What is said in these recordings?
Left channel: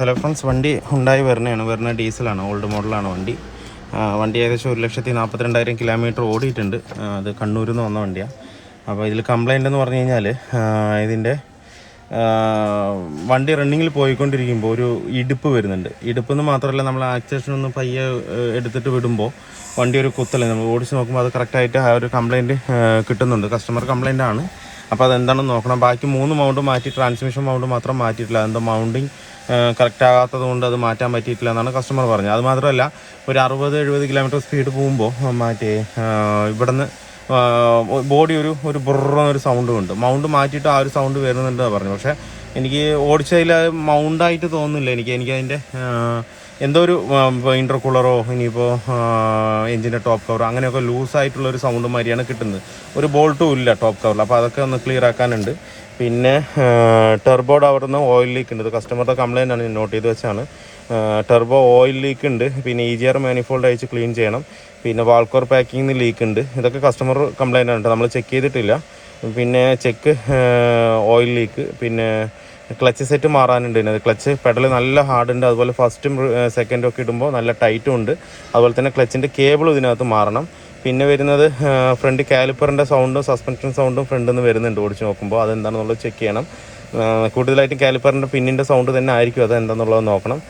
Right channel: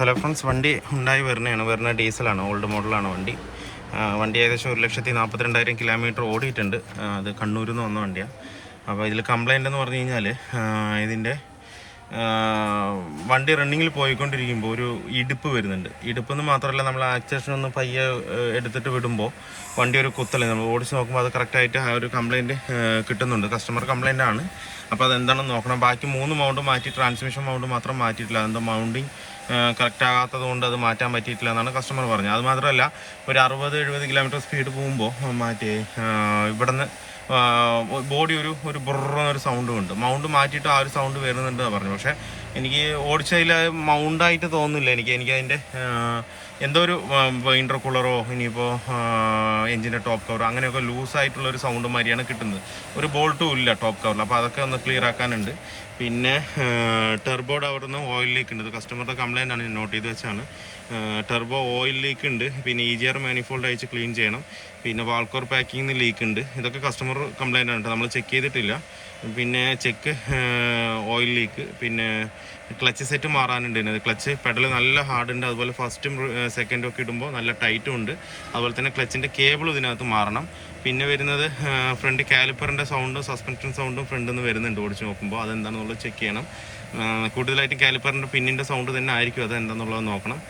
Hello friends, വണ്ടി Hyundai വെർണയാണ്. Verna ഡീസലാണ്, old മോഡലാണ് വണ്ടി. വണ്ടി ഏകദേശം 1,42,000 കിലോമീറ്റർ ഓടിയിട്ടുണ്ട്. അത് കണ്ണൂരിൽ നിന്ന് വന്ന വണ്ടിയാണ്. അപ്പോൾ ഇതിൽ കംപ്ലൈൻ്റ് എന്ന് പറഞ്ഞു കഴിഞ്ഞാൽ ഇതിൻ്റെ വണ്ടി റണ്ണിങ്ങിൽ പോയിക്കൊണ്ടിരിക്കുമ്പോൾ ഒരു ഇടുപ്പ് വരുന്നുണ്ട്. ഇടുപ്പെന്ന് മാത്രമല്ല, നമ്മൾ ആക്സിലേഷൻ ഒന്ന് പയ്യെ എടുത്തിട്ട് വിടുമ്പോൾ വണ്ടി ഒരു കുത്തൽ നമ്മൾ ഓടിച്ച് നോക്കുമ്പോൾ അത് കറക്റ്റായിട്ട് ആ ഒരു കംപ്ലൈൻറ്റ് കിട്ടുന്നുണ്ട്. കസ്റ്റമർ കംപ്ലൈൻ്റ് ആണ്. അപ്പോൾ അതെന്താണെന്ന് നോക്കണം. ബാക്കി 3 മൗണ്ട് മാറ്റി, ട്രാൻസ്മിഷൻ മൗണ്ട് മാത്രം മാറ്റിയിട്ടില്ല. അതെന്താ മൗണ്ടിങ് കറക്റ്റ് ആകാത്തത് കൊണ്ട് അത് മാറ്റാൻ പറ്റിയിട്ടില്ല എന്നാണ് കസ്റ്റമർ പറഞ്ഞത്. അത് മാത്രമല്ല, ഒരു 60-70 കിലോമീറ്റർ സ്പീഡ് പോകുമ്പോൾ മാറ്റി ഇവിടുന്ന് ബോഡി ഒരു ബുറന്നൊരു സൗണ്ടും ഉണ്ട്. മൗണ്ട് മാറ്റിയിട്ട് ആ ഒരു സൗണ്ട് വരുന്നുണ്ടെന്ന് പറഞ്ഞു. പക്ഷേ എനിക്ക് ഓടിച്ചതിൽ മൗണ്ടായിട്ട് തോന്നുന്നില്ല. എനിക്കതിൻ്റെ എന്തോ ഒരു ഇൻ്റർകൂളറോ ഇനിയിപ്പോൾ എഞ്ചിൻ്റെ ടോപ്പ് കവറോ അങ്ങനെയൊക്കെ ലൂസായിട്ടുള്ളൊരു സൗണ്ട് മാതിരിയാണ് കിട്ടുന്നത്. ഒരു ബോൾട്ടും ഇല്ല ടോപ്പ് കവറിൽ. അപ്പോൾ അതൊക്കെ ഒന്ന് ക്ലിയർ ആക്കാനുണ്ട്. പിന്നെ ടെർബോയുടെ അവിടെ നിന്ന് ഓയിൽ ലീക്ക് ഉണ്ട്. കസ്റ്റമറുടെ കംപ്ലയിൻ്റ് ആണ്, ഞാൻ നോട്ട് ചെയ്ത് വെച്ചാണ്. ടെർബോ ഓയിൽ ലീക്ക് ഉണ്ട്. പിന്നെ EGR മാനിഫോൾഡ് അയച്ച് ക്ലീൻ ചെയ്യണം. പിന്നെ വാൾക്കോർ പാക്കിങ്ങിന് ലീക്ക് ഉണ്ട്. ഇതൊക്കെ കസ്റ്റമർ കംപ്ലയിൻ്റ് ആണ്, നമ്മൾ ചെക്ക് ചെയ്തിട്ടില്ല. പിന്നെ ഓയിൽ ലീക്ക്, പിന്നെ ക്ലച്ച് സെറ്റ് മാറാനുണ്ട്. ഇതിനകത്ത് ക്ലച്ച് പെഡൽ നല്ല ഹാർഡുണ്ട്. അതുപോലെ ഫസ്റ്റും സെക്കൻഡും ഒക്കെ ഇടുമ്പോൾ നല്ല ടൈറ്റും ഉണ്ട്. അതുപോലെ തന്നെ ക്ലച്ചിൻ്റെ കേബിളും ഇതിനകത്ത് മാറണം. പിന്നെ വരുന്നത് ഫ്രണ്ട് കാലിപ്പറിൻ്റെ സൗണ്ടും സസ്പെൻഷൻ സൗണ്ടും ഫ്രണ്ടിൽ നിന്ന് വരുന്നുണ്ട് ഓടിച്ച് നോക്കുമ്പോൾ. അതെന്താണെന്നുള്ളത് ചെക്ക് ചെയ്യണം. കൂടുതലായിട്ടും കാലിപ്പറിൻ്റെ പിന്നിൻ്റെ സൗണ്ട് തന്നെ ആയിരിക്കും, അതെന്താണെന്നുള്ളത് നോക്കണം.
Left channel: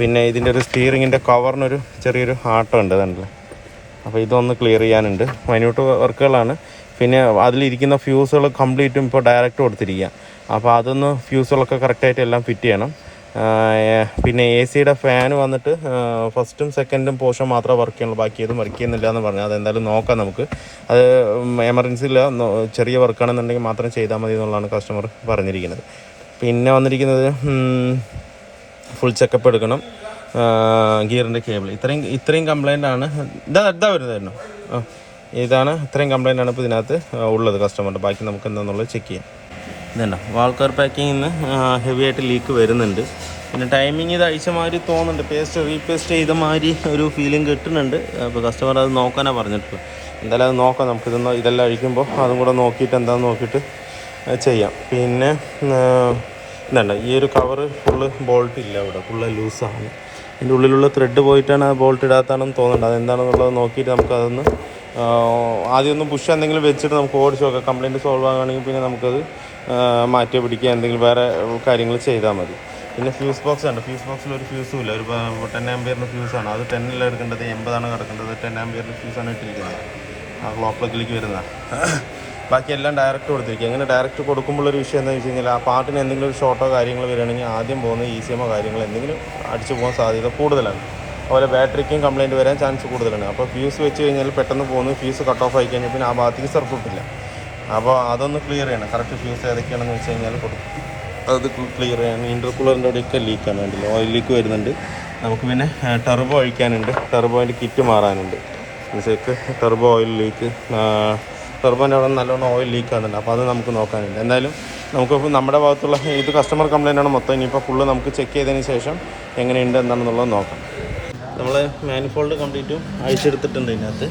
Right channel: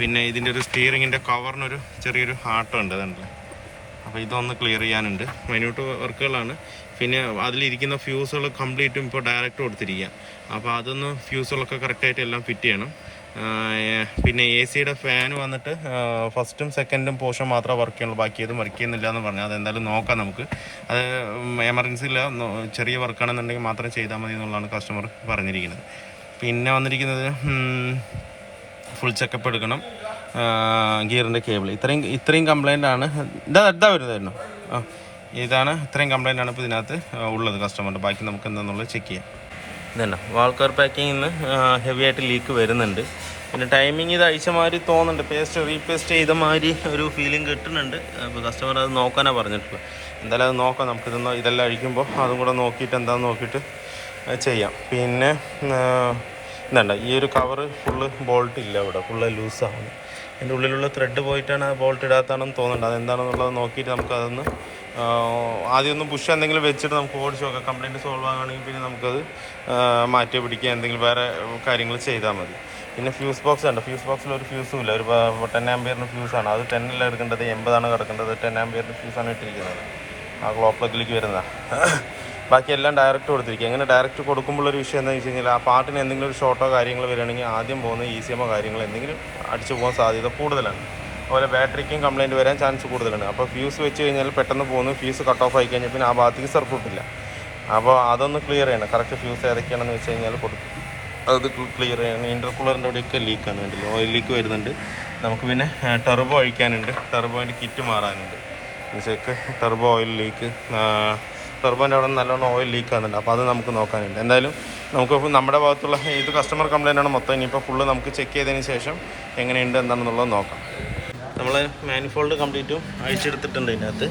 പിന്നെ ഇതിൻ്റെ ഒരു സ്റ്റിയറിങ്ങിൻ്റെ കവറിനൊരു ചെറിയൊരു ആട്ടം ഉണ്ട് അതല്ലേ. അപ്പോൾ ഇതൊന്ന് ക്ലിയർ ചെയ്യാനുണ്ട്. മൈന്യൂട്ട് വർക്കുകളാണ്. പിന്നെ അതിലിരിക്കുന്ന ഫ്യൂസുകൾ കംപ്ലീറ്റും ഇപ്പോൾ ഡയറക്റ്റ് കൊടുത്തിരിക്കുക. അപ്പോൾ അതൊന്ന് ഫ്യൂസുകളൊക്കെ കറക്റ്റായിട്ട് എല്ലാം ഫിറ്റ് ചെയ്യണം. പിന്നെ AC-യുടെ ഫാന് വന്നിട്ട് ഫസ്റ്റും സെക്കൻഡും പോർഷൻ മാത്രമേ വർക്ക് ചെയ്യുള്ളൂ, ബാക്കിയതും വർക്ക് ചെയ്യുന്നില്ല എന്ന് പറഞ്ഞു. അതെന്തായാലും നോക്കാം നമുക്ക്. അത് എമർജൻസിയില്ല, ചെറിയ വർക്കാണെന്നുണ്ടെങ്കിൽ മാത്രം ചെയ്താൽ മതി എന്നുള്ളതാണ് കസ്റ്റമർ പറഞ്ഞിരിക്കുന്നത്. പിന്നെ വന്നിരിക്കുന്നത് ഫുൾ ചെക്കപ്പ് എടുക്കണം. ഗിയറിൻ്റെ കേബിൾ ഇത്രയും കംപ്ലൈൻ്റ് ആണ്. ഇതാ വരുന്നതായിരുന്നു. ഇതാണ് ഇത്രയും കംപ്ലൈൻ്റ് ആണ് ഇപ്പോൾ ഇതിനകത്ത് ഉള്ളത് കസ്റ്റമറിൻ്റെ. ബാക്കി നമുക്ക് എന്താണെന്നുള്ളത് ചെക്ക് ചെയ്യാം. ഇതല്ല വാൾക്കർ പാക്കിങ്ങിൽ നിന്ന് ഹെവി ആയിട്ട് ലീക്ക് വരുന്നുണ്ട്. പിന്നെ ടൈമിങ് ഇത് അയച്ച മാതിരി തോന്നുന്നുണ്ട്, റീപേസ്റ്റ് ചെയ്ത മാതിരി ഒരു ഫീലിംഗ് കിട്ടുന്നുണ്ട്. അപ്പോൾ കസ്റ്റമർ അത് നോക്കാനാണ് പറഞ്ഞിട്ടുള്ളത്. എന്തായാലും അത് നോക്കാം നമുക്ക്. ഇതെല്ലാം അഴിക്കുമ്പോൾ അതും കൂടെ നോക്കിയിട്ട് എന്താണെന്ന് നോക്കിയിട്ട് ചെയ്യാം. പിന്നെ ഇതല്ല, ഈ ഒരു കവറ് ഫുള്ള് ബോൾട്ട് ഇല്ല, ഇവിടെ ഫുള്ള് ലൂസാണ്. അതിൻ്റെ ഉള്ളിലുള്ള ത്രെഡ് പോയിട്ടാണ് ആ ബോൾട്ട് ഇടാത്താണെന്ന് തോന്നുന്നുണ്ട്. അതെന്താണെന്നുള്ളത് നോക്കിയിട്ട് നമുക്കതൊന്ന് ആദ്യം ഒന്ന് പുഷ് എന്തെങ്കിലും വെച്ചിട്ട് നമുക്ക് ഓടിച്ച് നോക്കാം. കംപ്ലയിൻറ്റ് സോൾവ് ആകുകയാണെങ്കിൽ പിന്നെ നമുക്കത് മാറ്റി പിടിക്കുക, എന്തെങ്കിലും വേറെ കാര്യങ്ങൾ ചെയ്താൽ മതി. പിന്നെ ഫ്യൂസ് ബോക്സ് ഉണ്ട്. ഫ്യൂസ് ബോക്സിൽ ഒരു ഫ്യൂസും ഇല്ല. ഒരു 10 ആമ്പിയറിൻ്റെ ഫ്യൂസാണ്. അത് 10 എടുക്കേണ്ടത്, 80 കിടക്കേണ്ടത്. 10 ആമ്പിയറിൻ്റെ ഫ്യൂസാണ് ഇട്ടിരിക്കുന്നത്. ആ ക്ലോക്ക് പ്ലഗിലേക്ക് വരുന്നതാണ്. ബാക്കി എല്ലാം ഡയറക്റ്റ് കൊടുത്തിരിക്കുക. അങ്ങനെ ഡയറക്റ്റ് കൊടുക്കുമ്പോഴൊരു വിഷയം എന്താണെന്ന് വെച്ച് കഴിഞ്ഞാൽ, ആ പാർട്ടിന് എന്തെങ്കിലും ഒരു ഷോർട്ടോ കാര്യങ്ങൾ വരികയാണെങ്കിൽ ആദ്യം പോകുന്ന ECMO കാര്യങ്ങൾ എന്തെങ്കിലും അടിച്ചു പോകാൻ സാധ്യത കൂടുതലാണ്. അതുപോലെ ബാറ്ററിക്കും കംപ്ലയിൻറ്റ് വരാൻ ചാൻസ് കൂടുതലാണ്. അപ്പോൾ ഫ്യൂസ് വെച്ച് കഴിഞ്ഞാൽ പെട്ടെന്ന് പോകുന്നു. ഫ്യൂസ് കട്ട് ഓഫ് ആയി കഴിഞ്ഞാൽ പിന്നെ ആ ഭാഗത്തേക്ക് സർക്യൂട്ടില്ല. അപ്പോൾ അതൊന്ന് ക്ലിയർ ചെയ്യണം. കറക്റ്റ് ഫ്യൂസ് ഏതൊക്കെയാണെന്ന് വെച്ച് കഴിഞ്ഞാൽ കൊടുക്കും, അത് ക്ലിയർ ചെയ്യണം. ഇൻ്റർകൂളറിൻ്റെ അവിടെയൊക്കെ ലീക്കാണ്, വേണ്ടില്ല ഓയിൽ ലീക്ക് വരുന്നുണ്ട്. നമുക്ക് പിന്നെ ടെർബോ അഴിക്കാനുണ്ട്. ടെർബോൻ്റെ കിറ്റ് മാറാനുണ്ട്. ചെക്ക് ടെർബോ ഓയിൽ ലീക്ക്, ടെർബോൻ്റെ അവിടെ നല്ലോണം ഓയിൽ ലീക്ക് ആകുന്നുണ്ട്. അപ്പോൾ അത് നമുക്ക് നോക്കാനുണ്ട്. എന്തായാലും നമുക്കിപ്പോൾ നമ്മുടെ ഭാഗത്തുള്ള ഇത് കസ്റ്റമർ കംപ്ലയിൻ്റ് ആണ് മൊത്തം. ഇനിയിപ്പോൾ ഫുള്ള് നമുക്ക് ചെക്ക് ചെയ്തതിന് ശേഷം എങ്ങനെയുണ്ട് എന്താണെന്നുള്ളത് നോക്കാം. നമ്മൾ മാനിഫോൾഡ് കംപ്ലീറ്റും അഴിച്ചെടുത്തിട്ടുണ്ട്. ഇതിനകത്ത്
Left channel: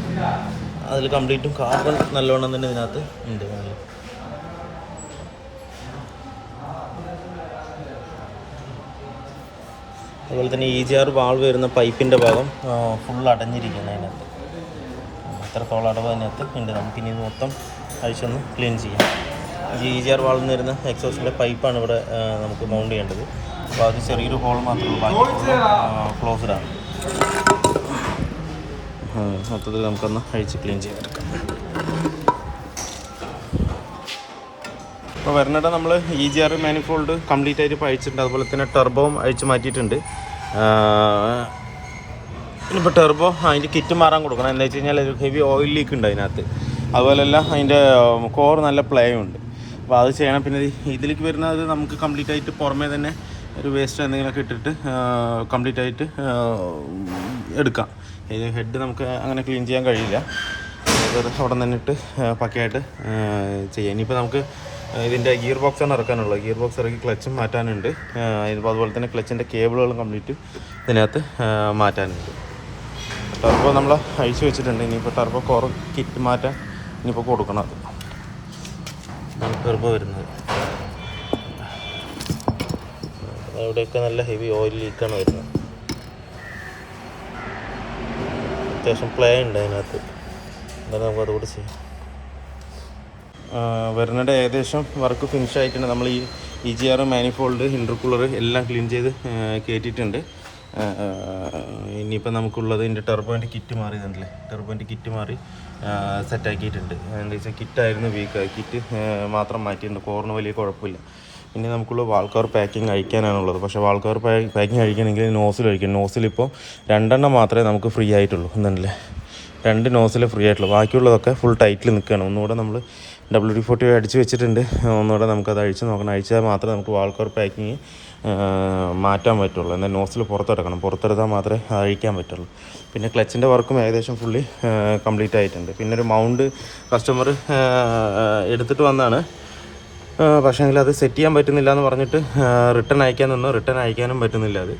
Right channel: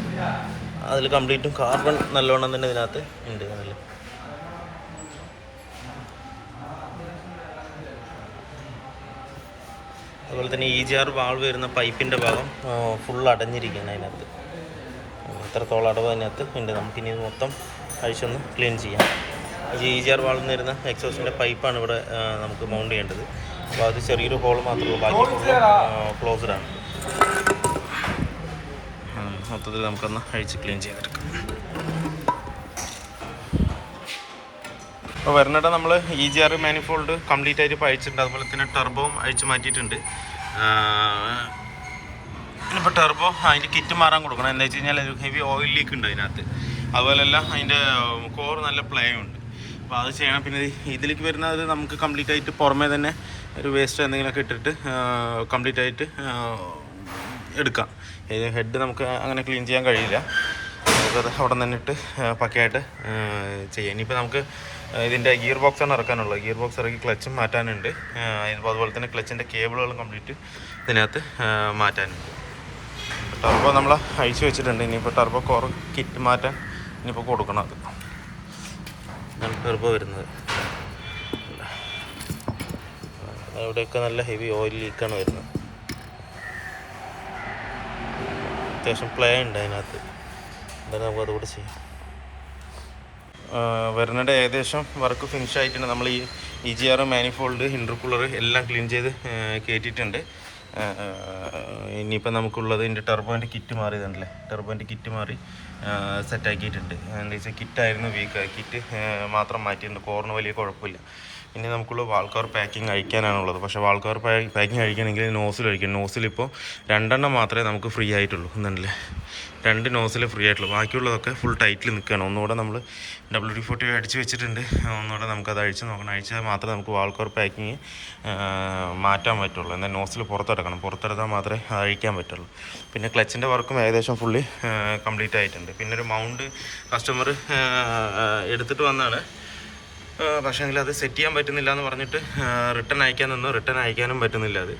അതിൽ കംപ്ലീറ്റും കാർബൺ നല്ലോണം തന്നെ ഇതിനകത്ത് ഉണ്ട്. അതുപോലെ തന്നെ EGR വാൾവ് വരുന്ന പൈപ്പിൻ്റെ ഭാഗം ഫുൾ അടഞ്ഞിരിക്കുകയാണ് അതിനകത്ത്. എത്രത്തോളം അടവ് അതിനകത്ത് ഉണ്ട്. നമുക്കിനി ഇത് മൊത്തം അഴിച്ചൊന്ന് ക്ലീൻ ചെയ്യാം. EGR വാൾവിൽ നിന്ന് വരുന്ന എക്സോസിൻ്റെ പൈപ്പാണ് ഇവിടെ നമുക്ക് മൗണ്ട് ചെയ്യേണ്ടത്. അപ്പോൾ അത് ചെറിയൊരു ഹോൾ മാത്രമേ ഉള്ളൂ, ബാക്കി ഫുള്ള് ക്ലോസ്ഡാണ്. മൊത്തത്തിൽ നമുക്കൊന്ന് അഴിച്ച് ക്ലീൻ ചെയ്തെടുക്കാം. ഇപ്പോൾ വെർണയുടെ നമ്മൾ EGR മാനിഫോൾഡ് കംപ്ലീറ്റ് ആയിട്ട് ഇപ്പോൾ അഴിച്ചിട്ടുണ്ട്. അതുപോലെ തന്നെ ടെർബോവും അഴിച്ച് മാറ്റിയിട്ടുണ്ട്. ഇപ്പോൾ ടെർബോ അതിൻ്റെ കിറ്റ് മാറാൻ കൊടുക്കണം. എന്താ വെച്ച് കഴിഞ്ഞാൽ ഒരു ഹെവി ഓയിൽ ലീക്ക് ഉണ്ട് അതിനകത്ത്. അതുപോലെയല്ല അതിൻ്റെ കോർ നല്ല പ്ലേ ഉണ്ട്. അപ്പോൾ അത് ചെയ്യണം. പിന്നെ ഇതിലേക്ക് വരുന്നത് നമുക്ക് കംപ്ലീറ്റ് ആയിട്ട് പുറമേ തന്നെ ഒരു വേസ്റ്റ് എന്തെങ്കിലുമൊക്കെ ഇട്ടിട്ട് കംപ്ലീറ്റ് ആയിട്ട് എടുക്കാം. ഹെഡ് നമുക്ക് അങ്ങനെ ക്ലീൻ ചെയ്യാൻ കഴിയില്ല, അവിടെ നിന്നിട്ട് പക്കയായിട്ട് ചെയ്യാം. ഇനിയിപ്പോൾ നമുക്ക് ഇതിൻ്റെ ഗിയർ ബോക്സാണ് ഇറക്കാനുള്ളത്. ഗിയർ ബോക്സ് ഇറക്കി ക്ലച്ചും മാറ്റാനുണ്ട്. അതുപോലെ തന്നെ ക്ലച്ചിൻ്റെ കേബിളുകളും കംപ്ലീറ്റ് ഇതിനകത്ത് മാറ്റാനുണ്ട്. ടർബോ നമ്മൾ അഴിച്ച് വെച്ചിട്ടുണ്ട്. ഇനിയിപ്പോൾ ടർബോ കോർ കിറ്റ് മാറ്റാൻ ഇനിയിപ്പോൾ കൊടുക്കണം. അത് ഇതാണ് ടർബോ വരുന്നത്. അവിടെയൊക്കെ നല്ല ഹെവി ഓയിൽ ലീക്കാണ് വരുന്നത്. അത്യാവശ്യം പ്ലേ ഉണ്ട് അതിനകത്ത്. എന്തായാലും നമുക്ക് അതുകൂടെ ചെയ്യാം. വെർണയുടെ ഏകദേശം വർക്ക് ഫിനിഷ് ആയിട്ടുണ്ട്. നമ്മൾ ഈ EGR, മാനിഫോൾഡ്, ഇൻ്റർകൂളർ എല്ലാം ക്ലീൻ ചെയ്ത് കയറ്റിയിട്ടുണ്ട്. ഇനിയിപ്പോൾ നമുക്കുള്ളത് ഇതിൻ്റെ ടെർബോൻ്റെ കിറ്റ് മാറിയതുണ്ടല്ലേ, ടെർബോൻ്റെ കിറ്റ് മാറി സെറ്റാക്കിയിട്ടുണ്ട്. എന്താ വെച്ചാൽ കിറ്റായിരുന്നു വീക്ക്, കിറ്റ് മാത്രം മാറ്റിയിട്ടുണ്ട്. കോറിന് വലിയ കുഴപ്പമില്ല. പിന്നെ നമുക്കുള്ള വാൾ കവർ പാക്കിങ് അഴിക്കാനാണുള്ളത്. പക്ഷേ വാൾ കവർ പാക്കിങ് അഴിക്കണമെങ്കിൽ നോസിൽ അഴിക്കണം. നോസിലിപ്പോൾ 2 മാത്രമേ നമുക്ക് ഫ്രീ ആയിട്ടുള്ളൂ. എന്നുണ്ടല്ലേ, 2 നോസിൽ ഫ്രീ ആയിട്ടുള്ളൂ. ബാക്കിയുള്ളതൊക്കെ ഫുൾ ടൈറ്റിൽ നിൽക്കുകയാണ്. ഒന്നുകൂടെ നമ്മൾ WD-40 അടിച്ച് വെച്ചിട്ടുണ്ട്. ഒന്നുകൂടെ നമുക്കത് അഴിച്ച് നോക്കണം. അഴിച്ചാൽ മാത്രമേ നമുക്ക് വാൾ കവർ പാക്കിങ് മാറ്റാൻ പറ്റുള്ളൂ. എന്നാൽ നോസിൽ പുറത്തെടുക്കണം. പുറത്തെടുത്താൽ മാത്രമേ അഴിക്കാൻ പറ്റുള്ളൂ. പിന്നെ ക്ലച്ചിൻ്റെ വർക്കും ഏകദേശം ഫുള്ളി കംപ്ലീറ്റ് ആയിട്ടുണ്ട്. പിന്നെ ഒരു മൗണ്ട് കസ്റ്റമർ എടുത്തിട്ട് വന്നാണ്. പക്ഷേ അത് സെറ്റ് ചെയ്യാൻ പറ്റുന്നില്ല എന്ന് പറഞ്ഞിട്ട് റിട്ടേൺ അയക്കാൻ നിന്നു. റിട്ടേൺ അയക്കാനും പറ്റുന്നില്ല. അത്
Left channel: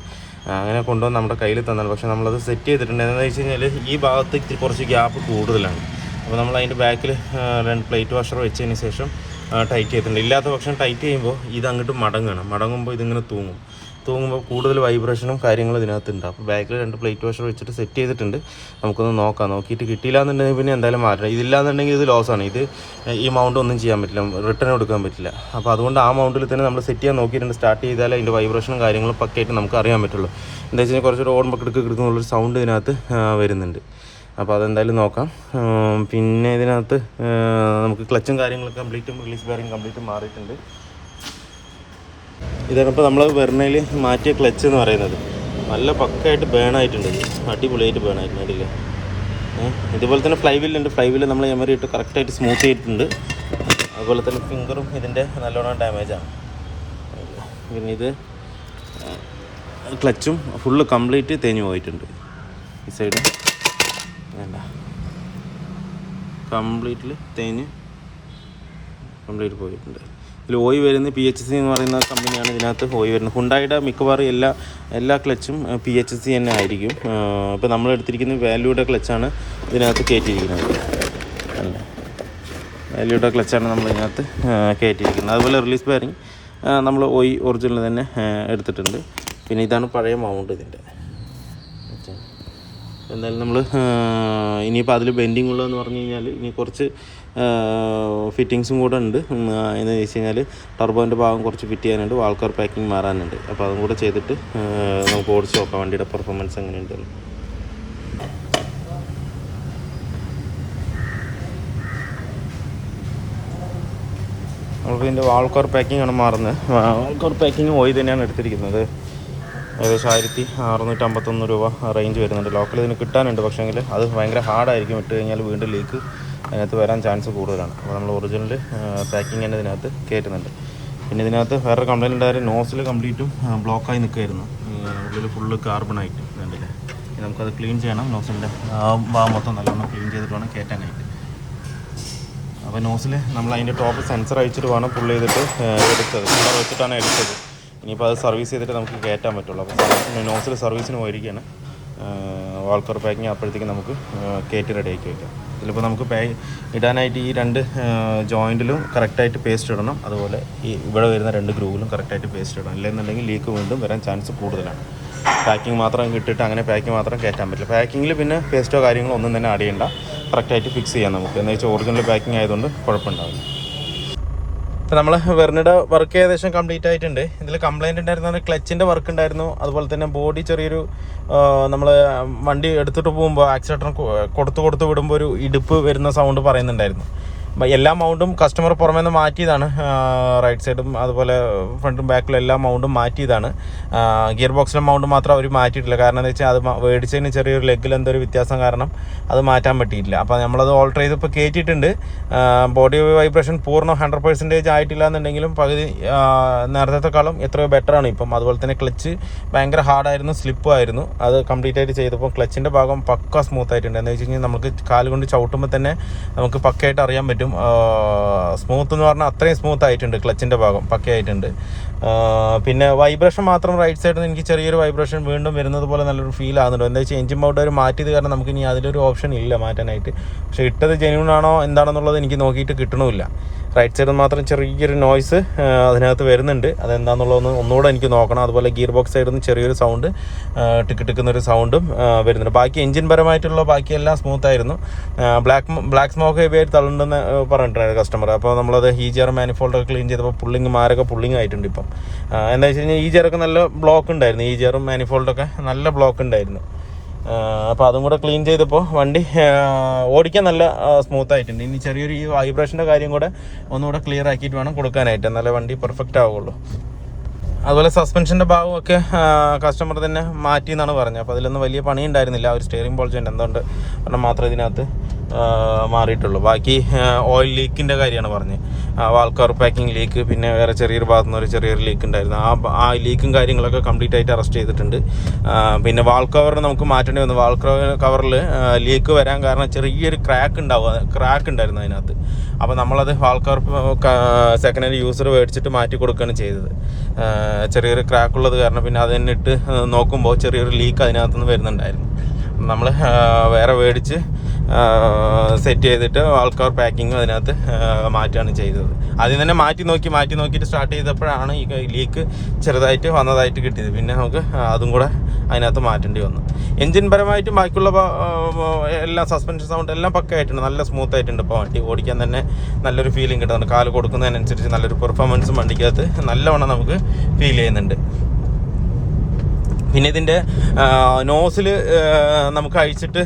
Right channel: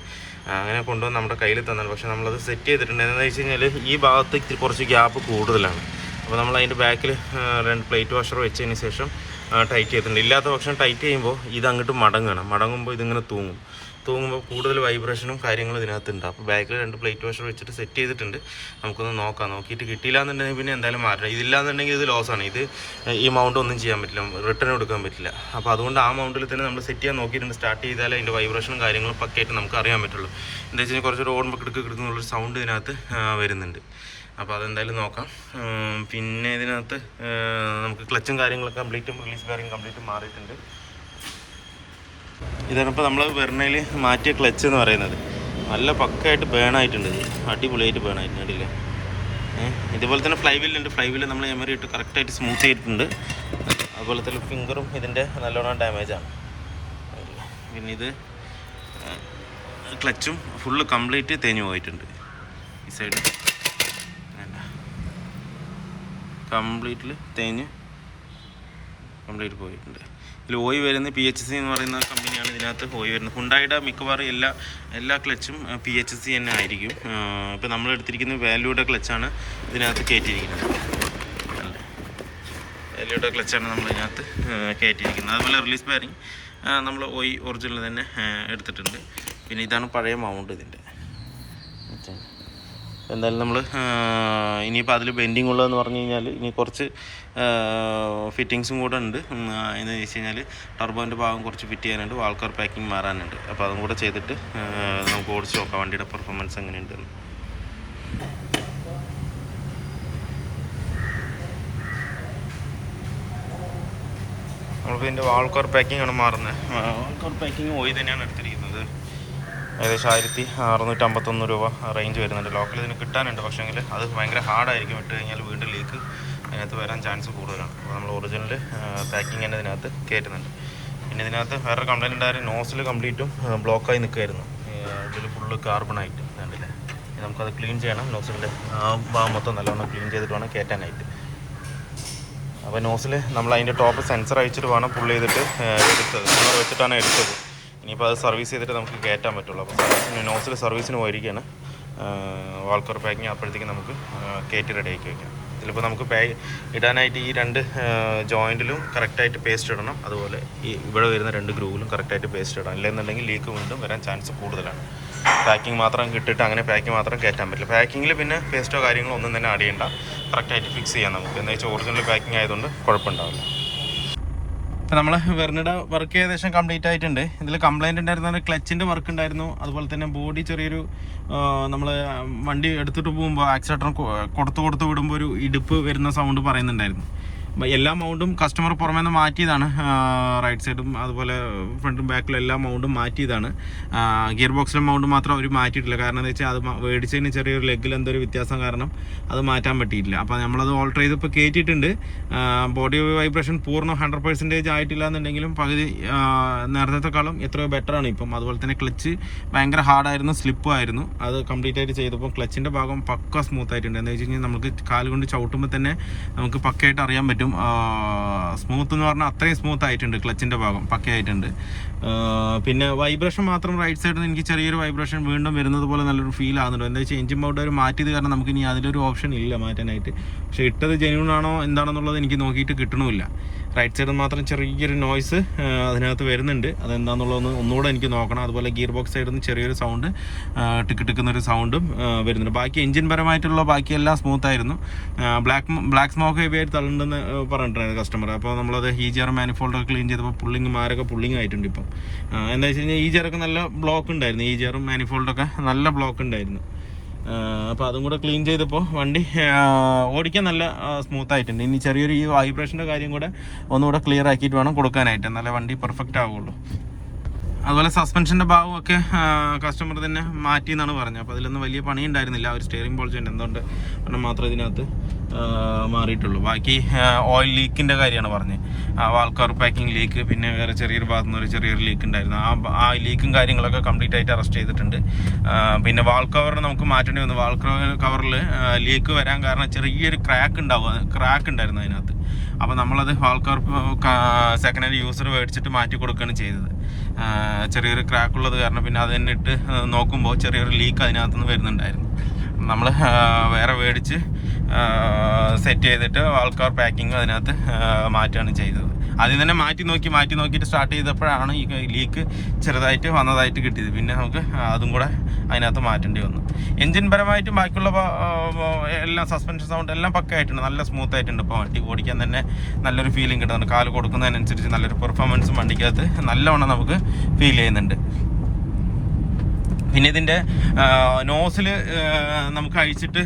അങ്ങനെ കൊണ്ടുവന്ന് നമ്മുടെ കയ്യിൽ തന്നാണ്. പക്ഷേ നമ്മളത് സെറ്റ് ചെയ്തിട്ടുണ്ട്. എന്താണെന്ന് വെച്ച് കഴിഞ്ഞാൽ ഈ ഭാഗത്ത് കുറച്ച് ഗ്യാപ്പ് കൂടുതലാണ്. അപ്പോൾ നമ്മൾ അതിൻ്റെ ബാക്കിൽ 2 പ്ലേറ്റ് വാഷർ വെച്ചതിന് ശേഷം ടൈറ്റ് ചെയ്തിട്ടുണ്ട്. ഇല്ലാത്ത പക്ഷം ടൈറ്റ് ചെയ്യുമ്പോൾ ഇത് അങ്ങോട്ട് മടങ്ങുമ്പോൾ ഇതിങ്ങനെ തൂങ്ങുമ്പോൾ കൂടുതൽ വൈബ്രേഷനും കാര്യങ്ങളും ഇതിനകത്തുണ്ട്. അപ്പോൾ ബാക്കിൽ 2 പ്ലേറ്റ് വാഷർ വെച്ചിട്ട് സെറ്റ് ചെയ്തിട്ടുണ്ട്. നമുക്കൊന്ന് നോക്കാം. നോക്കിയിട്ട് കിട്ടിയില്ല എന്നുണ്ടെങ്കിൽ പിന്നെ എന്തായാലും മാറ്റണം. ഇതില്ലാന്നുണ്ടെങ്കിൽ ഇത് ലോസാണ്. ഈ മൗണ്ട് ഒന്നും ചെയ്യാൻ പറ്റില്ല, റിട്ടേൺ എടുക്കാൻ പറ്റില്ല. അപ്പോൾ അതുകൊണ്ട് ആ മൗണ്ടിൽ തന്നെ നമ്മൾ സെറ്റ് ചെയ്യാൻ നോക്കിയിട്ടുണ്ട്. സ്റ്റാർട്ട് ചെയ്താൽ അതിൻ്റെ വൈബ്രേഷനും കാര്യങ്ങളും പക്കയായിട്ട് നമുക്ക് അറിയാൻ പറ്റുള്ളൂ. എന്താ വെച്ച് കഴിഞ്ഞാൽ കുറച്ചൊരു ഓടുമ്പോൾ കിടക്കുന്നുള്ളൊരു സൗണ്ട് ഇതിനകത്ത് വരുന്നുണ്ട്. അപ്പോൾ അതെന്തായാലും നോക്കാം. പിന്നെ ഇതിനകത്ത് നമുക്ക് ക്ലച്ചും കാര്യങ്ങളൊക്കെ കംപ്ലീറ്റും റിലീസ് ബെയറിംഗ് കംപ്ലീറ്റും മാറിയിട്ടുണ്ട്. ഇതാണ് ഇപ്പോൾ നമ്മൾ വെർണയിൽ മാറ്റിയ ക്ലച്ച് എന്ന് പറയുന്നത്. നല്ല പക്കയായിട്ട് ബേണായിട്ടുണ്ട്. അടിപൊളിയായിട്ട് ബേണായിട്ടുണ്ട്. അതില്ലേ ഇതുപോലെ തന്നെ ഫ്ലൈവീലുണ്ട്. ഫ്ലൈവീൽ നമ്മൾ എമറി ഇട്ട് കറക്റ്റായിട്ട് സ്മൂത്ത് ചെയ്തിട്ടുണ്ട്. അതുപോലെ തന്നെ ഫിംഗറും ഇതിൻ്റെ നല്ലോണം ഡാമേജാണ്. പിന്നെ ഇത് ക്ലച്ചും ഫുള്ള് കംപ്ലീറ്റ് തേഞ്ഞു പോയിട്ടുണ്ട്. ഈ സൈഡ് വേണ്ട, കംപ്ലീറ്റ് പോയിട്ടുണ്ട്. ഇതിൽ ഓയിൽ വരുന്നത് PHC എന്ന് പറയുന്ന കമ്പനിയാണ് ഇതിനകത്ത് ഓയിൽ വരുന്നത്. ഹുണ്ടായിയുടെ മിക്കവാറും എല്ലാ ക്ലച്ചും PHC തന്നെ ആയിരിക്കും. ഇപ്പോൾ നമ്മൾ എടുത്തിരിക്കുന്ന വാല്യൂയുടെ ക്ലച്ചാണ് ഇതിനകത്ത് കയറ്റിയിരിക്കുന്നത്. അല്ലേ, വാല്യൂയുടെ ക്ലച്ചാണ് നമ്മൾ ഇതിനകത്ത് കയറ്റിയിരിക്കുന്നത്. അതുപോലെ റിലീസ് ബെയറിംഗ് നമ്മൾ ഒറിജിനൽ തന്നെ എടുത്തിട്ടുണ്ട്. പിന്നെ ഇതാണ് പഴയ മൗണ്ട് ഇതിൻ്റെ. എന്തായാലും നമ്മൾ ഇനിയിപ്പോൾ അതിൽ ബെൻഡിങ് ഉള്ളതെന്ന് പറഞ്ഞു കഴിഞ്ഞാൽ ഇനി കുറച്ച് ഫിറ്റിങ്സും കൂടെ ഉണ്ട്. എന്ന് വെച്ച് കഴിഞ്ഞാൽ ടർബോൻ്റെ ഭാഗം കുറച്ച് ഫിറ്റ് ചെയ്യാനുണ്ട്, വാൾ കവർ പാക്കിങ് മാറാനുണ്ട്. അപ്പോൾ അതും കൂടെ ചെയ്തിട്ട് നമുക്ക് ഓടിച്ച് നോക്കാം വണ്ടിയുടെ പെർഫോമൻസ് എങ്ങനെയുണ്ടെന്ന്. നമുക്ക് ഇതിൻ്റെ വാൾ കവർ പാക്കിംഗ് ആണ് മാറുന്നത്. വാൾ കവർ പാക്കിങ് ഓയിൽ തന്നെയാണ് എടുത്തിരിക്കുന്നത്. ഏകദേശം 1651 രൂപ റേഞ്ച് വരുന്നുണ്ട്. ലോക്കൽ ഇതിന് കിട്ടാനുണ്ട്. പക്ഷേങ്കിൽ അത് ഭയങ്കര ഹാർഡായിരിക്കും. ഇട്ട് കഴിഞ്ഞാൽ വീണ്ടും ലീക്ക് അതിനകത്ത് വരാൻ ചാൻസ് കൂടുതലാണ്. അപ്പോൾ നമ്മൾ ഒറിജിനൽ പാക്കിങ് തന്നെ ഇതിനകത്ത് കയറ്റുന്നുണ്ട്. പിന്നെ ഇതിനകത്ത് വേറെ കംപ്ലയിൻ്റ് ഉണ്ടായാലും നോസിൽ കംപ്ലീറ്റും ബ്ലോക്കായി നിൽക്കുമായിരുന്നു. ഉള്ളിൽ ഫുള്ള് കാർബണായിട്ട് ഉണ്ടല്ലേ. നമുക്കത് ക്ലീൻ ചെയ്യണം. നോസിൻ്റെ ഭാഗം മൊത്തം നല്ലോണം ക്ലീൻ ചെയ്തിട്ട് വേണം കയറ്റാനായിട്ട്. അപ്പോൾ നോസിൽ നമ്മൾ അതിൻ്റെ ടോപ്പ് സെൻസർ അയച്ചിട്ട് വേണം പുള്ള് ചെയ്തിട്ട് എടുത്തത്. പുള്ളർ വെച്ചിട്ടാണ് എടുത്തത്. ഇനിയിപ്പോൾ അത് സർവീസ് ചെയ്തിട്ട് നമുക്ക് കയറ്റാൻ പറ്റുള്ളൂ. അപ്പോൾ നോസിൽ സർവീസിന് പോയിരിക്കുകയാണ്. വാൾ കവർ പാക്കിങ് അപ്പോഴത്തേക്ക് നമുക്ക് കയറ്റി റെഡിയാക്കി വയ്ക്കാം. ഇതിലിപ്പോൾ നമുക്ക് ഇടാനായിട്ട് ഈ 2 ജോയിൻറ്റിലും കറക്റ്റായിട്ട് പേസ്റ്റ് ഇടണം. അതുപോലെ ഈ ഇവിടെ വരുന്ന 2 ഗ്രൂവിലും കറക്റ്റായിട്ട് പേസ്റ്റ് ഇടണം. ഇല്ലെന്നുണ്ടെങ്കിൽ ലീക്ക് വീണ്ടും വരാൻ ചാൻസ് കൂടുതലാണ്. പാക്കിങ് മാത്രം ഇട്ടിട്ട് അങ്ങനെ പാക്കിങ് മാത്രം കയറ്റാൻ പറ്റില്ല. പാക്കിങ്ങിൽ പിന്നെ പേസ്റ്റോ കാര്യങ്ങളോ ഒന്നും തന്നെ ആഡ് ചെയ്യണ്ട. കറക്റ്റായിട്ട് ഫിക്സ് ചെയ്യാം നമുക്ക്. എന്ന് വെച്ചാൽ ഒറിജിനൽ പാക്കിങ് ആയതുകൊണ്ട് കുഴപ്പമുണ്ടാവില്ല. ഇപ്പോൾ നമ്മൾ വെർണയുടെ വർക്ക് ഏകദേശം കംപ്ലീറ്റ് ആയിട്ടുണ്ട്. ഇതിൽ കംപ്ലയിൻ്റ് ഉണ്ടായിരുന്ന ക്ലച്ചിൻ്റെ വർക്ക് ഉണ്ടായിരുന്നു. അതുപോലെ തന്നെ ബോഡി ചെറിയൊരു നമ്മൾ വണ്ടി എടുത്തിട്ട് പോകുമ്പോൾ ആക്സിലേറ്റർ കൊടുത്ത് വിടുമ്പോൾ ഒരു ഇടുപ്പ് വരുന്ന സൗണ്ട് പറയുന്നുണ്ടായിരുന്നു. എല്ലാ മൗണ്ടും കസ്റ്റമർ പുറമേ നിന്ന് മാറ്റിയതാണ്. റൈറ്റ് സൈഡും അതുപോലെ ഫ്രണ്ടും ബാക്കിലും എല്ലാ മൗണ്ടും മാറ്റിയതാണ്. ഗിയർ ബോക്സിലെ മൗണ്ട് മാത്രം അവർ മാറ്റിയിട്ടില്ല. കാരണം എന്താ വെച്ചാൽ അത് മേടിച്ചതിന് ചെറിയൊരു ലെഗിൽ എന്തൊരു വ്യത്യാസം കാരണം അത് മാറ്റാൻ പറ്റിയിട്ടില്ല. അപ്പോൾ നമ്മളത് ഓൾട്ടർ ചെയ്ത് ഇപ്പോൾ കയറ്റിയിട്ടുണ്ട്. ബോഡി വൈബ്രേഷൻ പൂർണ്ണം 100% ആയിട്ടില്ല എന്നുണ്ടെങ്കിലും പകുതി നേരത്തെക്കാളും എത്രയോ ബെറ്ററാണ് ഇപ്പം. അതുപോലെ തന്നെ ക്ലച്ച് ഭയങ്കര ഹാർഡായിരുന്നു, സ്ലിപ്പുമായിരുന്നു. അത് കംപ്ലീറ്റ് ആയിട്ട് ചെയ്തപ്പോൾ ക്ലച്ചിൻ്റെ ഭാഗം പക്ക സ്മൂത്ത് ആയിട്ടുണ്ട്. എന്താ വെച്ച് കഴിഞ്ഞാൽ നമുക്ക് കാലുകൊണ്ട് ചവിട്ടുമ്പോൾ തന്നെ നമുക്ക് പക്കയായിട്ട് അറിയാൻ പറ്റും. സ്മൂത്ത് എന്ന് പറഞ്ഞാൽ അത്രയും സ്മൂത്ത് ആയിട്ടുണ്ട്. ക്ലച്ചിൻ്റെ ഭാഗം പക്കയായിട്ടുണ്ട്. പിന്നെ വൈബ്രേഷൻ മാത്രം റൈറ്റ് സൈഡിൽ നിന്ന് എനിക്ക് ചെറിയൊരു വൈബ്രേഷൻ വീണ്ടും വരുന്നത് പോലെ നല്ലൊരു ഫീൽ ആകുന്നുണ്ട്. എന്താ വെച്ചാൽ എഞ്ചിൻ മൗണ്ട് അവർ മാറ്റിയത് കാരണം നമുക്ക് ഇനി അതിലൊരു ഓപ്ഷൻ ഇല്ല മാറ്റാനായിട്ട്. പക്ഷേ ഇട്ടത് ജെന്യൂൺ ആണോ എന്താണെന്നുള്ളത് എനിക്ക് നോക്കിയിട്ട് കിട്ടണമില്ല. റൈറ്റ് സൈഡിൽ മാത്രം ചെറിയൊരു നോയ്സ് അതിനകത്ത് വരുന്നുണ്ട്. അതെന്താണെന്നുള്ളതൊന്ന് ഒന്നുകൂടെ എനിക്ക് നോക്കണം. അതുപോലെ ഗിയർ ബോക്സ് സൈഡിൽ നിന്ന് ചെറിയൊരു സൗണ്ട് ടിക്ക് ടിക്കുന്നൊരു സൗണ്ടും വരുന്നുണ്ട്. ബാക്കി എഞ്ചിൻ പരമായിട്ടുള്ള ബാക്കിയെല്ലാം സ്മൂത്തായിരുന്നു. ബ്ലാക്ക് സ്മോക്ക് ഹെവി ആയിട്ട് തള്ളുണ്ടെന്ന് പറഞ്ഞിട്ടുണ്ടായിരുന്നു കസ്റ്റമർ. അപ്പോൾ നമ്മളത് EGR മാനിഫോൾഡൊക്കെ ക്ലീൻ ചെയ്തപ്പോൾ പുള്ളിങ് ആയിട്ടുണ്ട് ഇപ്പം. എന്താ വെച്ച് കഴിഞ്ഞാൽ EGR ഒക്കെ നല്ല ബ്ലോക്ക് ഉണ്ടായിരുന്നു. EGR മാനിഫോൾഡൊക്കെ നല്ല ബ്ലോക്ക് ഉണ്ടായിരുന്നു. അപ്പോൾ അതും കൂടെ ക്ലീൻ ചെയ്തപ്പോൾ വണ്ടി ഓടിക്കാൻ നല്ല സ്മൂത്ത് ആയിട്ടുണ്ട്. ഇനി ചെറിയൊരു ഈ വൈബ്രേഷൻ്റെ കാര്യം കൂടെ ഒന്നുകൂടെ ക്ലിയർ ആക്കിയിട്ട് വേണം കൊടുക്കാനായിട്ട്, എന്നാലേ വണ്ടി പെർഫെക്റ്റ് ആവുള്ളൂ. അതുപോലെ സസ്പെൻഷൻ്റെ ഭാഗമൊക്കെ കസ്റ്റമർ തന്നെ മാറ്റി എന്നാണ് പറഞ്ഞത്. അപ്പോൾ അതിലൊന്നും വലിയ പണി ഉണ്ടായിരുന്നില്ല. ഒരു സ്റ്റിയറിംഗ് ബോൾജുണ്ട് എന്തുകൊണ്ട് കാരണം മാത്രമേ ഇതിനകത്ത് മാറിയിട്ടുള്ളൂ. ബാക്കി ഓയിൽ ലീക്കിൻ്റെ കാര്യമാണ് പറഞ്ഞത്. വാൾ കവർ പാക്കിംഗ് ലീക്ക്, പിന്നെ വേറെ ചെറിയൊരു ഭാഗത്തു നിന്ന് ഒരു ചെറിയൊരു ലീക്ക് ഉണ്ടായിരുന്നു. ആ ലീക്കും കാര്യങ്ങളൊക്കെ കംപ്ലീറ്റ് ആയിട്ട് അറസ്റ്റ് ചെയ്തിട്ടുണ്ട്. പിന്നെ വാൾ കവർ നമുക്ക് മാറ്റേണ്ടി വന്നു. വാൾ കവറിൽ ലീക്ക് വരാൻ കാരണം ചെറിയൊരു ക്രാക്ക് ഉണ്ടായിരുന്നു അതിനകത്ത്. അപ്പോൾ നമ്മളത് വാൾ കവർ സെക്കൻഡ് ഹാൻഡ് യൂസർ മേടിച്ചിട്ട് മാറ്റി കൊടുക്കുകയാണ് ചെയ്തത്. ചെറിയൊരു ക്രാക്ക് ഉള്ളത് കാരണം പിന്നെ അത് തന്നെ ഇട്ട് നോക്കുമ്പോൾ ചെറിയൊരു ലീക്ക് അതിനകത്തുനിന്ന് വരുന്നുണ്ടായിരുന്നു. നമ്മൾ വേറെ മേടിച്ച് സെറ്റ് ചെയ്തിട്ട് വാൾ കവർ പാക്കിങ് അതിനകത്ത് മാറ്റുകയാണ് ചെയ്തത്. ആദ്യം തന്നെ മാറ്റി നോക്കിയിട്ട് സ്റ്റാർട്ട് ചെയ്തപ്പോഴാണ് ഈ ലീക്ക് ചെറുതായിട്ട് വന്നതായിട്ട് കിട്ടിയത്. പിന്നെ നമുക്ക് അതും കൂടെ അതിനകത്ത് മാറ്റേണ്ടി വന്നു. എൻജിൻ പരമായിട്ടും ബാക്കിയുള്ള എല്ലാം സസ്പെൻഷൻ സൗണ്ട് എല്ലാം പക്കയായിട്ടുണ്ട്, നല്ല സ്മൂത്ത് ആയിട്ടുണ്ട്. ഇപ്പോൾ വണ്ടി ഓടിക്കാൻ തന്നെ നല്ലൊരു ഫീലിംഗ് കിട്ടുന്നുണ്ട്. കാല് കൊടുക്കുന്നതിനനുസരിച്ച് നല്ലൊരു പെർഫോമൻസും വണ്ടിക്കകത്ത് നല്ലവണ്ണം നമുക്ക് ഫീൽ ചെയ്യുന്നുണ്ട്. പിന്നെ ഇതിൻ്റെ നോസിൽ നമുക്ക് അഴിച്ചിട്ട്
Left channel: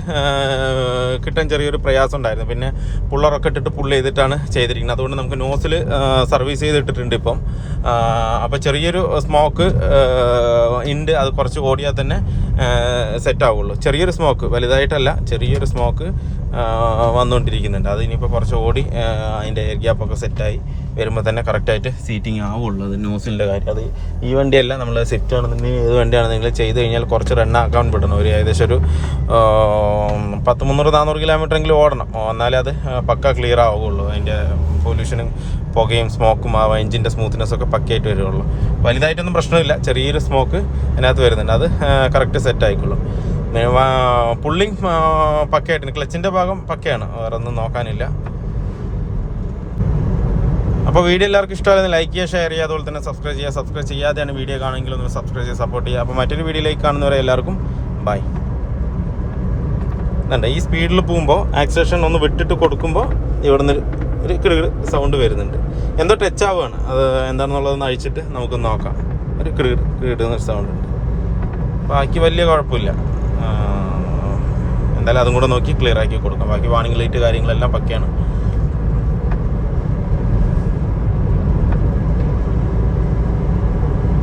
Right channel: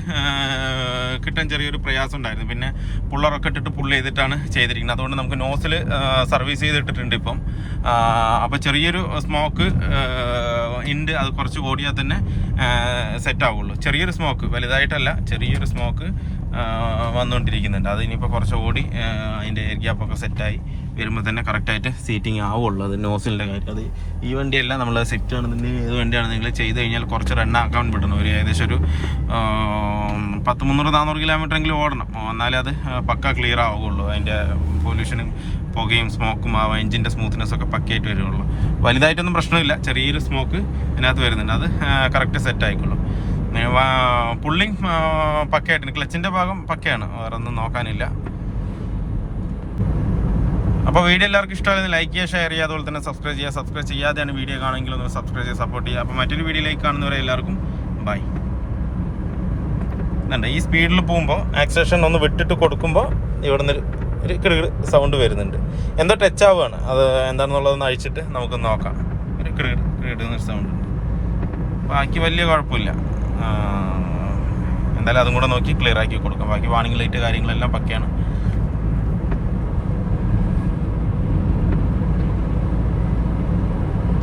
കിട്ടാൻ ചെറിയൊരു പ്രയാസം ഉണ്ടായിരുന്നു. പിന്നെ പുള്ളറൊക്കെ ഇട്ടിട്ട് പുള്ള് ചെയ്തിട്ടാണ് ചെയ്തിരിക്കുന്നത്. അതുകൊണ്ട് നമുക്ക് നോസിൽ സർവീസ് ചെയ്തിട്ടിട്ടുണ്ട് ഇപ്പം. അപ്പോൾ ചെറിയൊരു സ്മോക്ക് ഉണ്ട്, അത് കുറച്ച് ഓടിയാൽ തന്നെ സെറ്റ് ആവുള്ളൂ. ചെറിയൊരു സ്മോക്ക്, വലുതായിട്ടല്ല, ചെറിയൊരു സ്മോക്ക് വന്നുകൊണ്ടിരിക്കുന്നുണ്ട്. അത് ഇനിയിപ്പോൾ കുറച്ച് ഓടി അതിൻ്റെ എയർ ഗ്യാപ്പൊക്കെ സെറ്റായി വരുമ്പോൾ തന്നെ കറക്റ്റായിട്ട് സീറ്റിംഗ് ആവുള്ളൂ. അത് നോസിലിൻ്റെ കാര്യം. അത് ഈ വണ്ടിയല്ല, നമ്മൾ സെറ്റ് ആണെന്നുണ്ടെങ്കിൽ ഏത് വണ്ടിയാണെന്നെങ്കിലും ചെയ്ത് കഴിഞ്ഞാൽ കുറച്ച് റണ്ണാക്കാൻ വിടണം. ഒരു ഏകദേശം ഒരു 300-400 കിലോമീറ്ററെങ്കിലും ഓടണം, എന്നാലേ അത് പക്ക ക്ലിയർ ആവുകയുള്ളൂ. അതിൻ്റെ പൊല്യൂഷനും പുകയും സ്മോക്കും ആ എഞ്ചിൻ്റെ സ്മൂത്ത്നെസ്സൊക്കെ പക്കയായിട്ട് വരുള്ളൂ. വലുതായിട്ടൊന്നും പ്രശ്നമില്ല, ചെറിയൊരു സ്മോക്ക് അതിനകത്ത് വരുന്നുണ്ട്. അത് കറക്റ്റ് സെറ്റ് ആയിക്കോളും. പുള്ളിങ് പക്കയായിട്ടുണ്ട്. ക്ലച്ചിൻ്റെ ഭാഗം പക്കയാണ്, വേറെ ഒന്നും നോക്കാനില്ല. അപ്പോൾ വീഡിയോ എല്ലാവർക്കും ഇഷ്ടമായിരുന്നു ലൈക്ക് ചെയ്യുക, ഷെയർ ചെയ്യുക, അതുപോലെ തന്നെ സബ്സ്ക്രൈബ് ചെയ്യാതെയാണ് വീഡിയോ കാണുമെങ്കിൽ ഒന്ന് സബ്സ്ക്രൈബ് ചെയ്ത് സപ്പോർട്ട് ചെയ്യുക. അപ്പോൾ മറ്റൊരു വീഡിയോയിലേക്ക് കാണുന്നവരെ എല്ലാവർക്കും ബൈ. ഈ സ്പീഡിൽ പോകുമ്പോൾ ആക്സിലേഷൻ ഒന്ന് വിട്ടിട്ട് കൊടുക്കുമ്പോൾ ഇവിടെ നിന്ന് ഒരു കിടുകിട് സൗണ്ട് വരുന്നുണ്ട്. എന്തോ ടച്ച് ആവുകയാണ്, അത് എന്താണെന്നുള്ളതൊന്ന് അഴിച്ചിട്ട് നമുക്ക് നോക്കാം. ഒരു കിടുകിടുന്ന സൗണ്ട് ഉണ്ട്. ബാക്കി വലിയ കുഴപ്പമില്ല. എന്തായാലും അതും കൂടെ നോക്കി ക്ലിയർ ആക്കി കൊടുക്കാം. ബാക്കി വാണിംഗ് ലൈറ്റ് കാര്യങ്ങളെല്ലാം പക്കയാണ്.